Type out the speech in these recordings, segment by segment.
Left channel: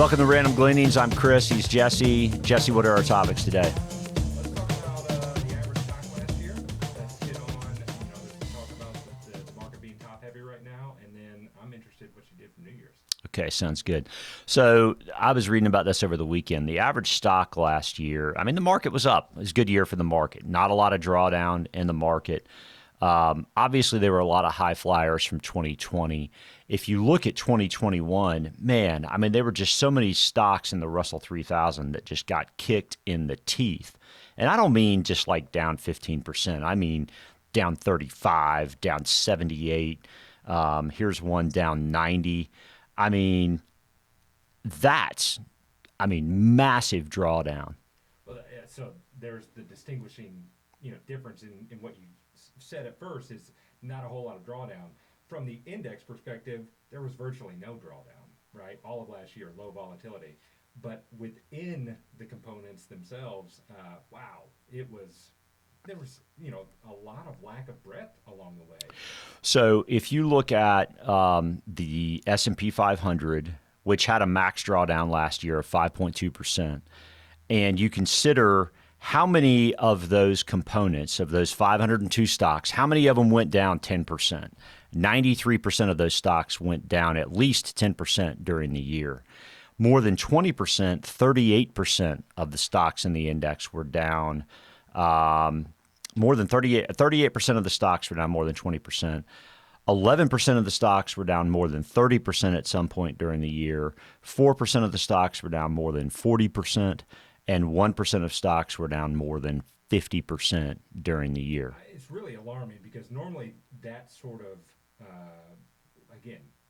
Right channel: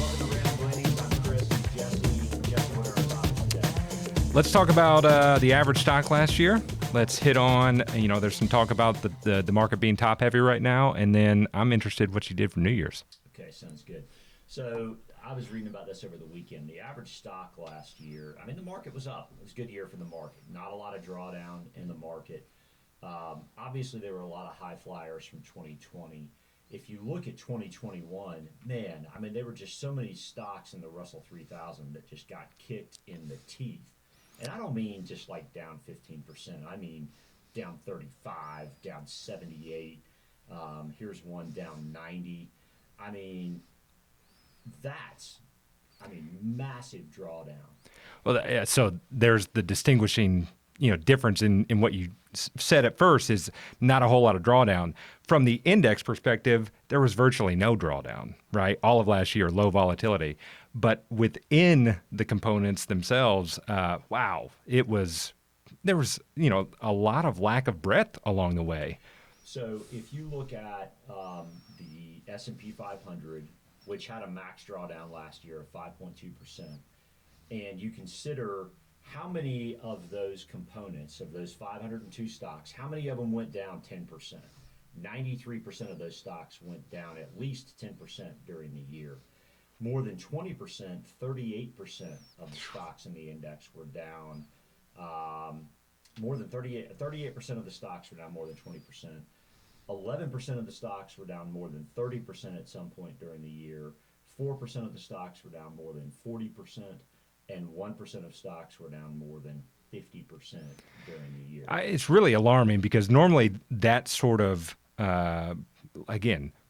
Welcome to Random Gleanings. I'm Chris. He's Jesse. Jesse, what are our topics today? Let's talk about the average stock last year. Let's hit on, there's some talk about the market being top heavy right now. And then I'm interested what you did for New Year's. Okay, sounds good. So I was reading about this over the weekend. The average stock last year, the market was up. It was a good year for the market. Not a lot of drawdown in the market. Obviously, there were a lot of high flyers from 2020. If you look at 2021, man, there were just so many stocks in the Russell 3000 that just got kicked in the teeth. And I don't mean just like down 15%. I mean down 35, down 78. Here's one down 90. That's massive drawdown. Well, so there's the distinguishing, difference in what you said at first is not a whole lot of drawdown. From the index perspective, there was virtually no drawdown, right? All of last year, low volatility. But within the components themselves, there was a lot of lack of breadth along the way. So if you look at the S&P 500, which had a max drawdown last year of 5.2%, and you consider how many of those components, of those 502 stocks, how many of them went down 10%? 93% of those stocks went down at least 10% during the year. More than 20%, 38% of the stocks in the index were down. More than 38% of the stocks were down more than 20%. 11% of the stocks were down more than 30% at some point during the year. 4% of the stocks were down more than 40%. And 1% of stocks were down more than 50% during the year. It's really alarming because normally that sort of,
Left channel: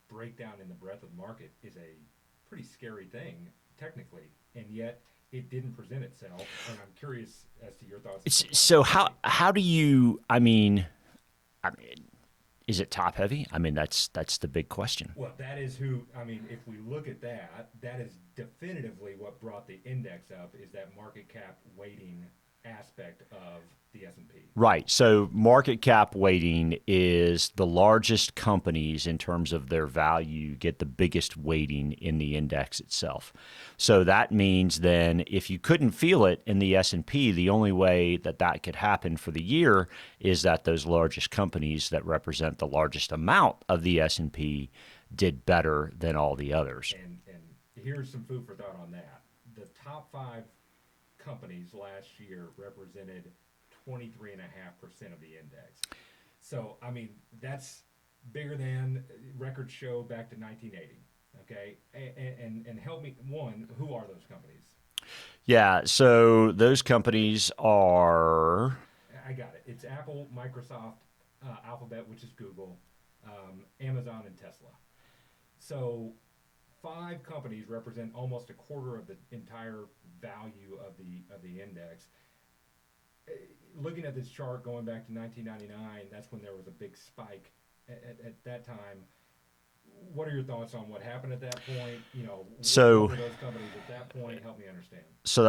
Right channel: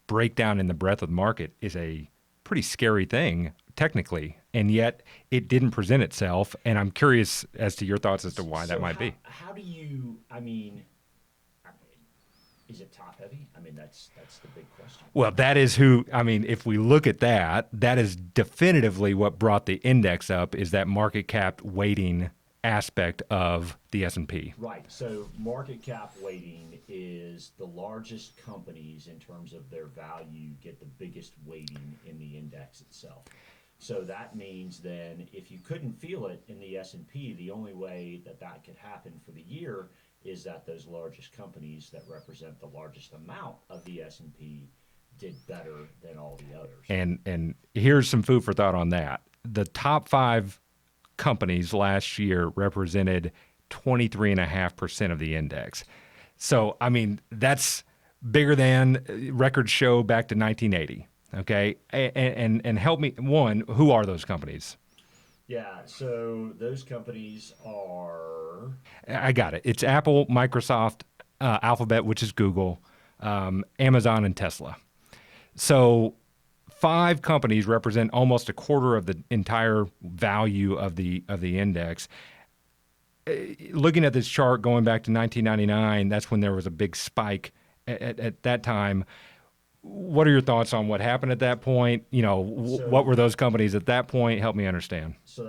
breakdown in the breadth of the market is a pretty scary thing technically, and yet it didn't present itself. And I'm curious as to your thoughts as to why. So how do you? Is it top heavy? That's the big question. Well, that is who. If we look at that, that is definitively what brought the index up. Is that market cap weighting aspect of the S&P? Right. So market cap weighting is the largest companies in terms of their value get the biggest weighting in the index itself. So that means then if you couldn't feel it in the S&P, the only way that could happen for the year is that those largest companies that represent the largest amount of the S&P did better than all the others. And here's some food for thought on that. The top 5 companies last year represented 23.5% of the index. So, that's bigger than records show back to 1980. Okay. And help me, one, who are those companies? Yeah. So those companies are. I got it. It's Apple, Microsoft, Alphabet, which is Google, Amazon, and Tesla. So 5 companies represent almost a quarter of the entire value of the index. Looking at this chart going back to 1999, that's when there was a big spike at that time. What are your thoughts on what happened at that point? What were those companies at that point? Help me understand. So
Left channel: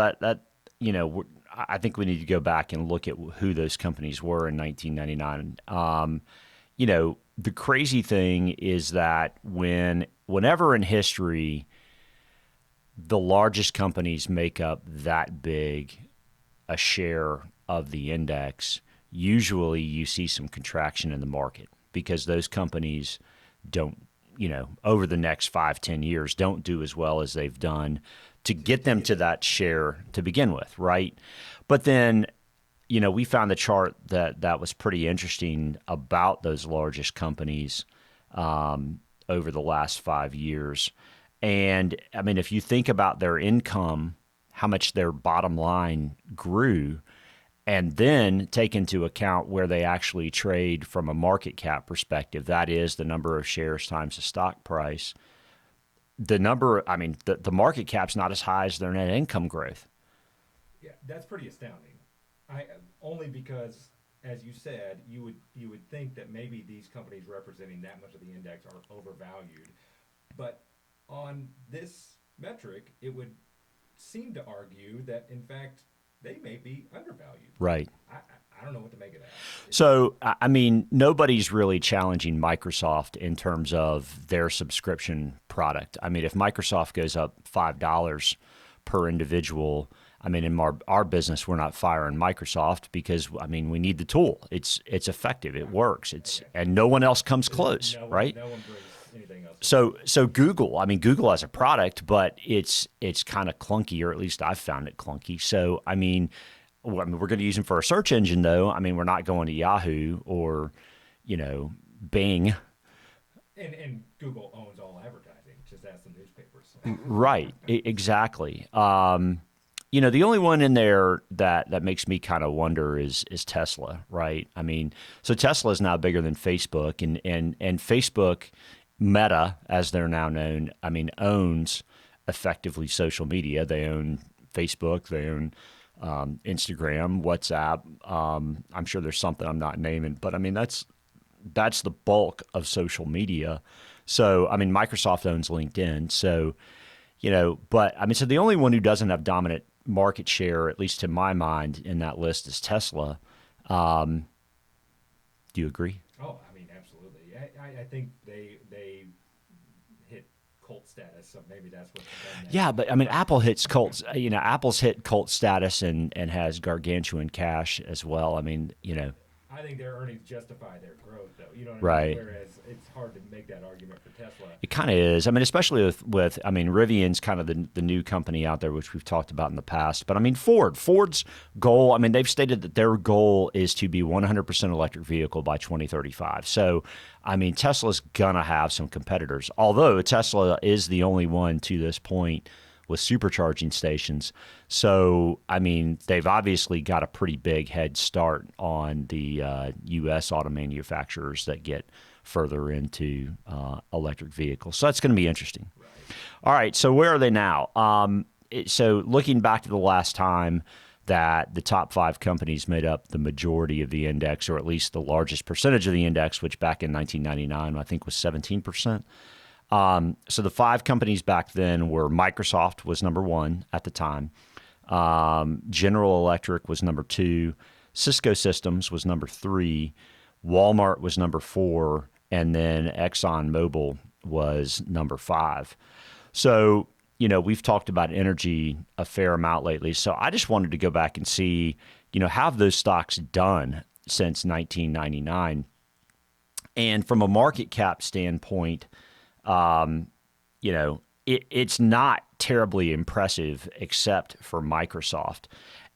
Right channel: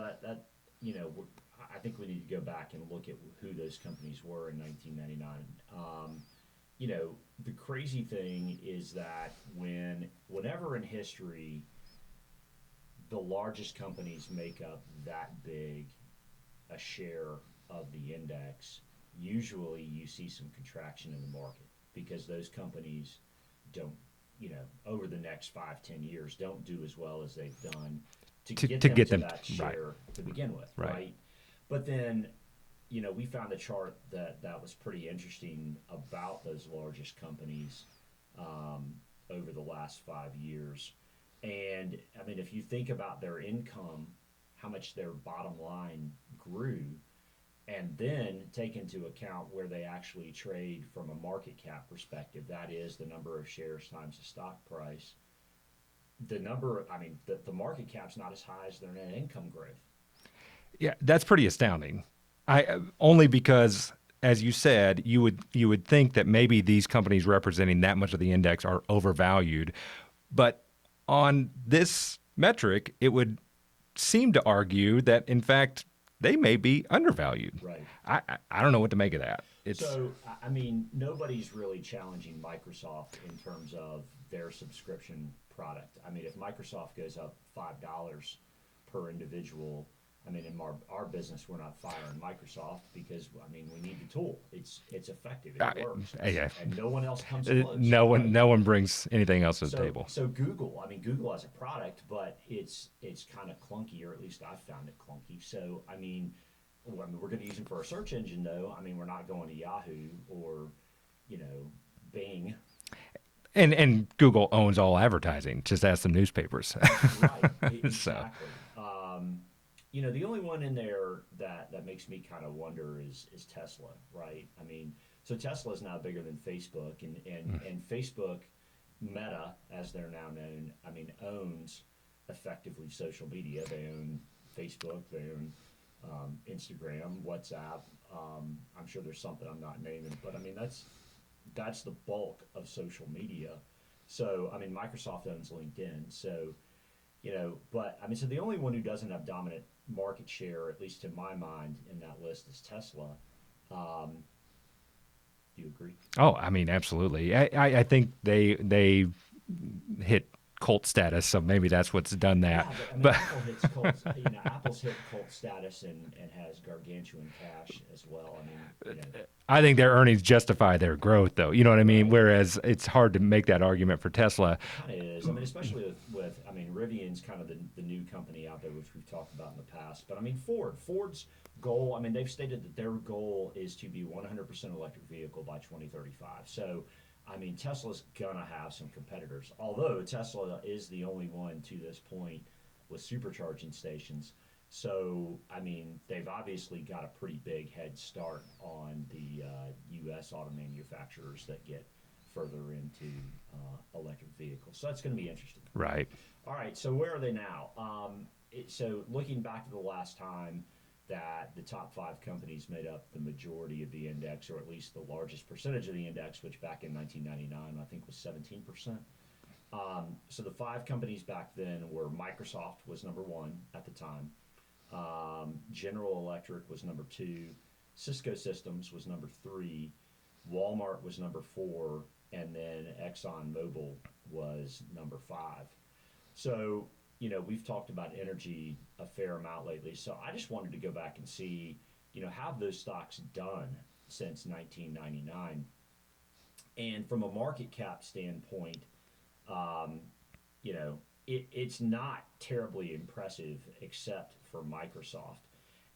I think we need to go back and look at who those companies were in 1999. The crazy thing is that whenever in history the largest companies make up that big a share of the index, usually you see some contraction in the market because those companies don't, over the next 5-10 years, don't do as well as they've done to get them to that share to begin with, right? But then, we found the chart that was pretty interesting about those largest companies over the last 5 years. And, if you think about their income, how much their bottom line grew, and then take into account where they actually trade from a market cap perspective, that is the number of shares times the stock price, the market cap's not as high as their net income growth. Yeah, that's pretty astounding. Only because, as you said, you would think that maybe these companies representing that much of the index are overvalued. But on this metric, it would seem to argue that, in fact, they may be undervalued. Right. I don't know what to make of that. So, I mean, nobody's really challenging Microsoft in terms of their subscription product. I mean, if Microsoft goes up $5 per individual, I mean, in our business, we're not firing Microsoft because, I mean, we need the tool. It's effective. It works. And no one else comes close. No one, right? no one brings anything else to the table. So Google, I mean, Google has a product, but it's kind of clunky, or at least I've found it clunky. So, I mean, we're going to use them for a search engine, though. I mean, we're not going to Yahoo or, Bing. And Google owns all advertising. Just ask some newspapers. Right. Exactly. The only one in there that makes me kind of wonder is Tesla, right? I mean, so Tesla is now bigger than Facebook, and Facebook, Meta, as they're now known, I mean, owns effectively social media. They own Facebook, they own Instagram, WhatsApp. I'm sure there's something I'm not naming, but I mean, that's the bulk of social media. So, I mean, Microsoft owns LinkedIn. So, but I mean, so the only one who doesn't have dominant market share, at least to my mind, in that list is Tesla. Do you agree? Oh, I mean, absolutely. I think they hit cult status, so maybe that's what's done that. Yeah, but I mean, Apple hits cult. Apple's hit cult status and has gargantuan cash as well. I mean, I think their earnings justify their growth, though. You know what I Right. mean? Whereas it's hard to make that argument for Tesla. It kind of is. I mean, especially with I mean, Rivian's kind of the new company out there, which we've talked about in the past. But I mean, Ford's goal, I mean, they've stated that their goal is to be 100% electric vehicle by 2035. So, I mean, Tesla's going to have some competitors. Although Tesla is the only one to this point with supercharging stations. So, I mean, they've obviously got a pretty big head start on the U.S. auto manufacturers that get further into electric vehicles. So that's going to be interesting. Right. All right, so where are they now? So looking back to the last time that the top 5 companies made up the majority of the index, or at least the largest percentage of the index, which back in 1999 I think was 17%. So the 5 companies back then were Microsoft was number 1 at the time. General Electric was number 2. Cisco Systems was number 3. Walmart was number 4. And then ExxonMobil was number 5. So, we've talked about energy a fair amount lately. So I just wanted to go back and see, how have those stocks done since 1999? And from a market cap standpoint, it's not terribly impressive except for Microsoft.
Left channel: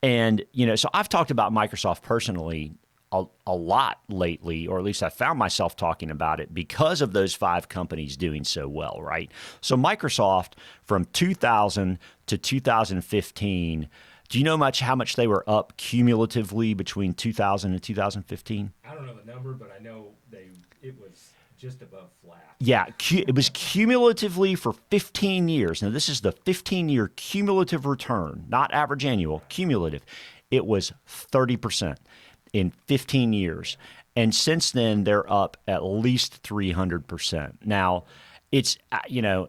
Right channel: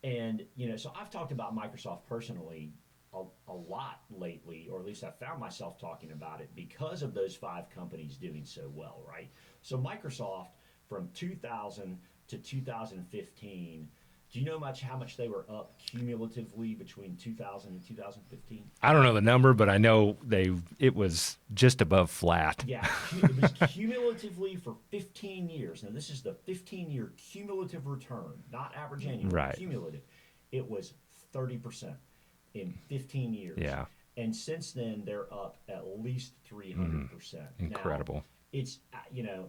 And, so I've talked about Microsoft personally a lot lately, or at least I found myself talking about it because of those 5 companies doing so well, right? So Microsoft from 2000 to 2015, do you know how much they were up cumulatively between 2000 and 2015? I don't know the number, but I know it was just above flat. Yeah, it was cumulatively for 15 years. Now, this is the 15-year cumulative return, not average annual, Right. cumulative. It was 30% in 15 years. Yeah. And since then, they're up at least 300%. Now, Incredible. it's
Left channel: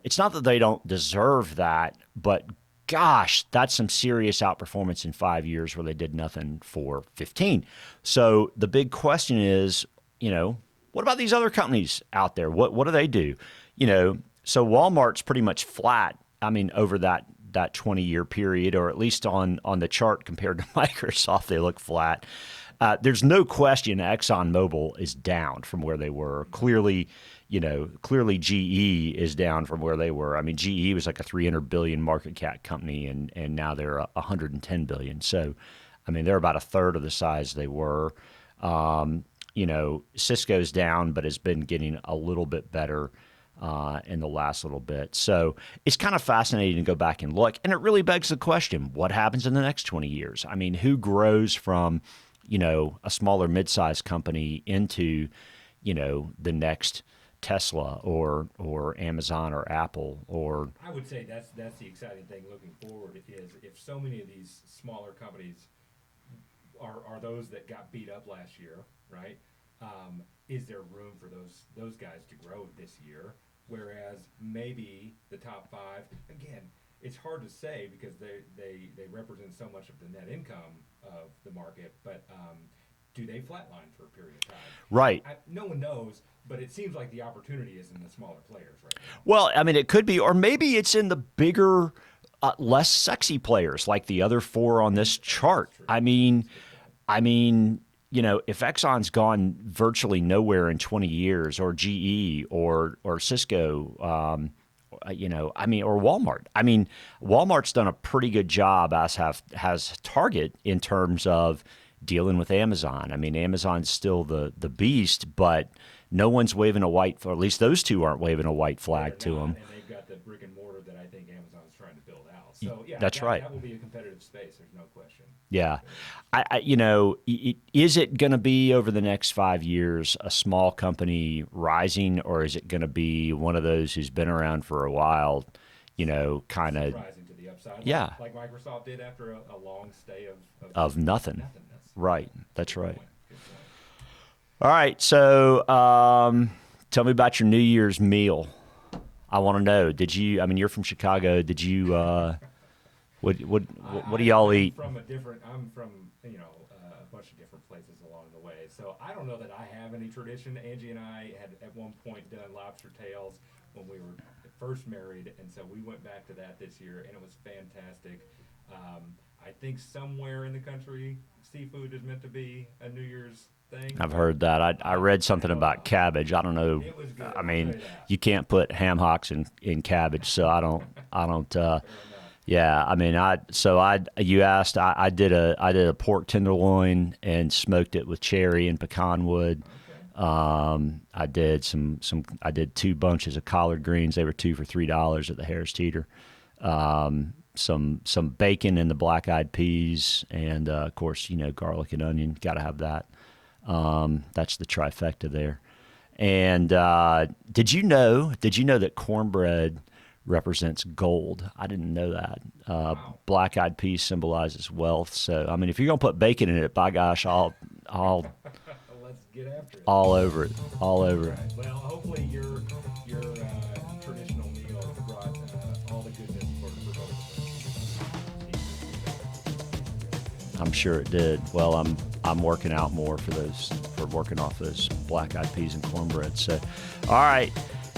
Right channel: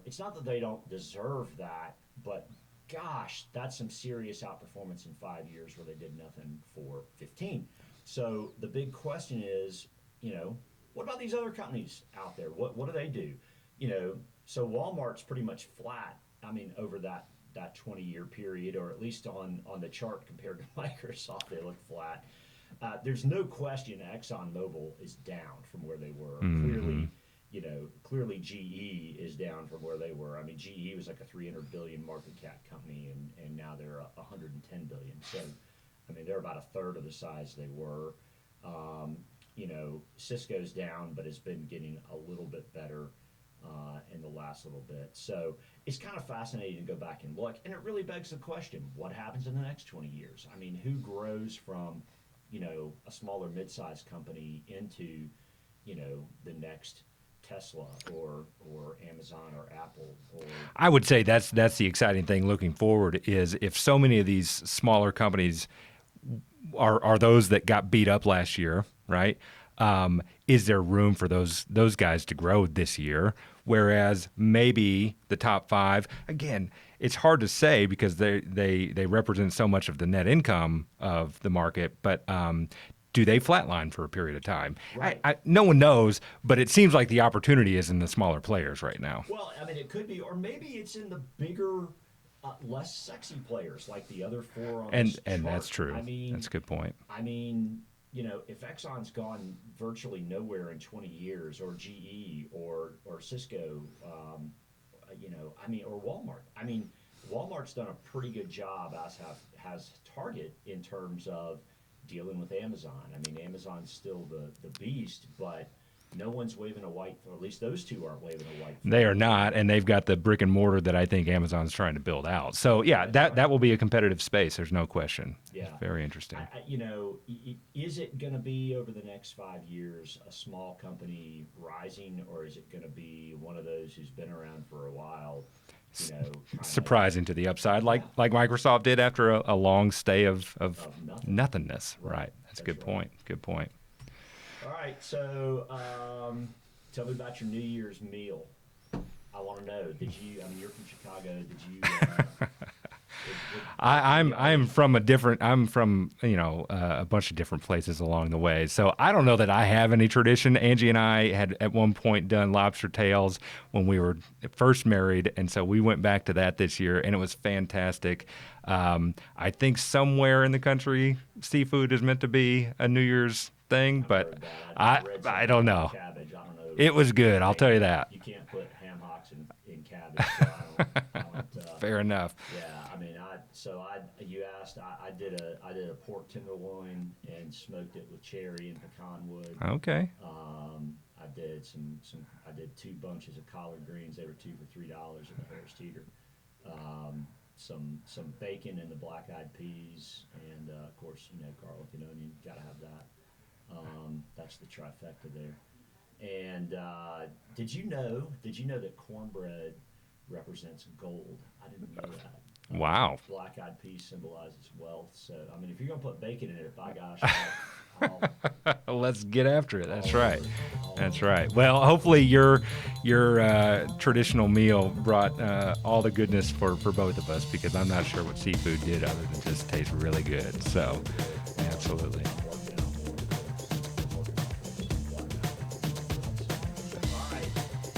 it's not that they don't deserve that, but gosh, that's some serious outperformance in 5 years where they did nothing for 15. So the big question is, what about these other companies out there? What do they do? So Walmart's pretty much flat. I mean, over that 20-year period, or at least on the chart compared to Microsoft, they look flat. There's no question ExxonMobil is down from where they were. Clearly, GE is down from where they were. I mean, GE was like a $300 billion market cap company, and now they're $110 billion. So, I mean, they're about a third of the size they were. Cisco's down, but has been getting a little bit better in the last little bit. So it's kind of fascinating to go back and look. And it really begs the question, what happens in the next 20 years? I mean, who grows from, a smaller mid-sized company into, the next Tesla or Amazon or Apple or I would say that's the exciting thing looking forward is if so many of these smaller companies are those that got beat up last year, right? Is there room for those guys to grow this year? Whereas maybe the top 5, again, it's hard to say because they represent so much of the net income of the market, but do they flatline for a period of time? Right. No one knows, but it seems like the opportunity is in the smaller players right now. Well, I mean, it could be, or maybe it's in the bigger, less sexy players like the other four on this chart. That's true. I mean, that's a good point. I mean, you know, if Exxon's gone virtually nowhere in 20 years, or GE, or Cisco, you know, I mean, or Walmart. I mean, Walmart's done a pretty good job, as has Target, in terms of dealing with Amazon. I mean, Amazon's still the beast, but no one's waving a white, or at least those two aren't waving a white flag. They are to not, them. and they've got the brick and mortar that I think Amazon's trying to build out. So yeah, That's that right. that will be a competitive space. There's no question. Yeah. Very interesting. You know, is it going to be over the next 5 years a small company rising, or is it going to be one of those who's been around for a while, you know, kind of surprising to the upside, like Yeah. like Microsoft did after a long stay of nothing? nothingness. Right. That's a That's good right. point. Good point. All right, so tell me about your New Year's meal. I want to know. Did you? I mean, you're from Chicago. Did you? What do y'all I'm eat? from a bunch of different places along the way. So I don't know that I have any tradition. Angie and I had at one point done lobster tails when we were first married, and so we went back to that this year, and it was fantastic. I think somewhere in the country, seafood is meant to be a New Year's thing. I've but heard that. I read something don't about know. cabbage. I don't know. It was good. I'll tell you that. You can't put ham hocks in cabbage, so I don't. Fair enough. Yeah, I mean, you asked. I did a pork tenderloin and smoked it with cherry and pecan wood. Okay. I did I did 2 bunches of collard greens. They were 2 for $3 at the Harris Teeter. Some bacon and the black eyed peas, and of course, you know, garlic and onion. Got to have that. That's the trifecta there. And did you know that cornbread represents gold? I didn't know that. Wow. Black eyed peas symbolizes wealth. So I mean, if you're gonna put bacon in it, by gosh, I'll Let's get after it. all That's over right. it. All That's over it. right. Well, hopefully your traditional meal brought all the goodness for both of us, because I'm not sure what seafood did other than just taste really good. I'm So, sure it did. Well, Absolutely. I'm working out more for working off those black eyed peas and cornbread. So, all right.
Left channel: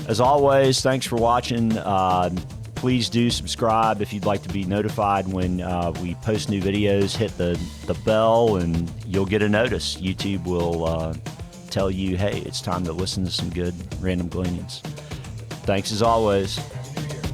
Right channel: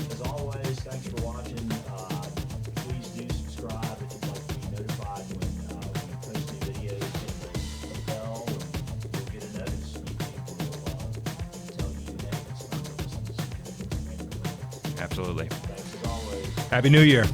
As always, thanks for watching. Please do subscribe if you'd like to be notified when we post new videos. Hit the bell and you'll get a notice. YouTube will tell you, hey, it's time to listen to some good random gleanings. Absolutely. Thanks as always. Happy New Year.